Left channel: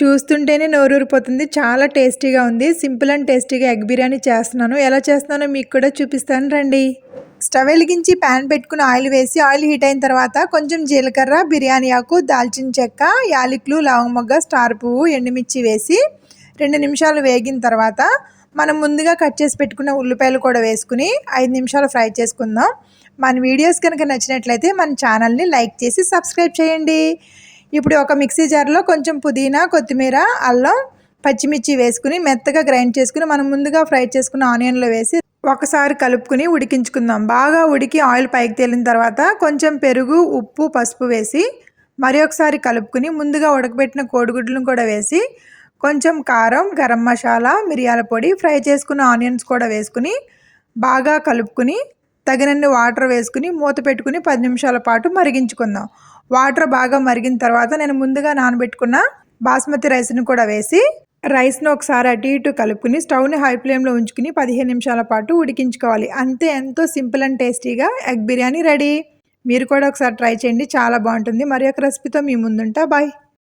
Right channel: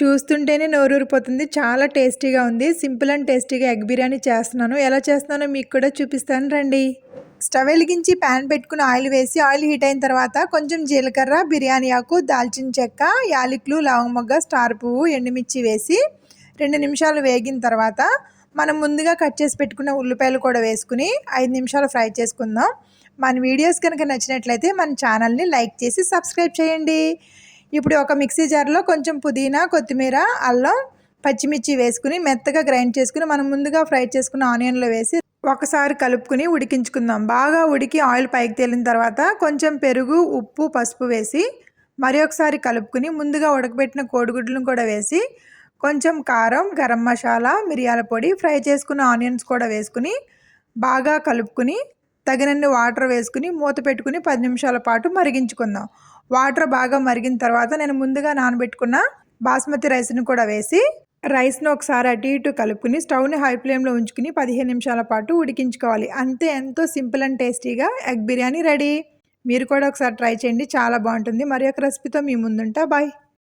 చూస్తుంటేనే నోరూరిపోతుంది. చాలా టేస్టీగా ఉంది. సింపుల్ అండ్ టేస్టీగా ఎగ్ బిర్యానీ చేస్తున్నాను. ఎలా చేస్తున్నానో మీకు కూడా చూపిస్తాను రండి. స్టవ్ వెలిగించి ప్యాన్ పెట్టుకుని ఆయిల్ వేసి ఆయిల్ హీట్ అయిన తర్వాత కొంచెం జీలకర్ర, బిర్యానీ ఆకు, దాల్చిన చెక్క, యాలకులు, లవంగ మొగ్గ, స్టార్ పువ్వు, ఎండుమిర్చి వేసి 2 నిమిషాలు వేగిన తర్వాత మనం ముందుగా కట్ చేసి పెట్టుకున్న ఉల్లిపాయలు కూడా వేసుకుని 5 నిమిషాలు ఫ్రై చేసుకుందాం. మన వీడియోస్ కనుక నచ్చినట్లయితే మన ఛానల్ని లైక్ చేసి సబ్స్క్రైబ్ చేయండి. ఇప్పుడు ఒక మిక్సీ జార్లో కొంచెం పుదీనా, కొత్తిమీర, అల్లం, పచ్చిమిర్చి వేసుకుని మెత్తగా గ్రైండ్ చేసుకుని మనం ముందుగా ఫ్రై చేసుకున్న ఆనియన్లో వేసి ఒకసారి కలుపుకుని ఉడికించుకుందాం. బాగా ఉడికి ఆయిల్ పైకి తేలిన తర్వాత కొంచెం పెరుగు, ఉప్పు, పసుపు వేసి మరి ఒకసారి కలుపుకుని ముందుగా ఉడకబెట్టిన కోడిగుడ్లను కూడా వేసి కొంచెం కారం, గరం మసాలా, మిరియాల పొడి, ఫ్రై చేసుకున్న ఆనియన్స్ కూడా వేసుకుని బాగా కలుపుకుని తగినన్ని వాటర్ వేసుకుని మూత పెట్టుకుని 10 నిమిషాల పాటు మరిగించుకుందాం. వాటర్ బాగా మరిగిన తర్వాత నేను ముందుగా నానబెట్టుకున్న బాస్మతి రైస్ని కూడా వేసి రైస్ను ఒకసారి అటు ఇటు కలుపుకుని స్టవ్ని హై ఫ్లేమ్లో ఉంచుకుని 15 నిమిషాల పాటు ఉడికించుకోవాలి. అంతే, ఎంతో సింపుల్ అండ్ టేస్టీగా ఎగ్ బిర్యానీ రెడీ. మీరు కూడా ఒకసారి ట్రై చేయండి, చాలా బాగుంటుంది. మరి ఒక రెసిపీతో మీ ముందుంటా. బాయ్.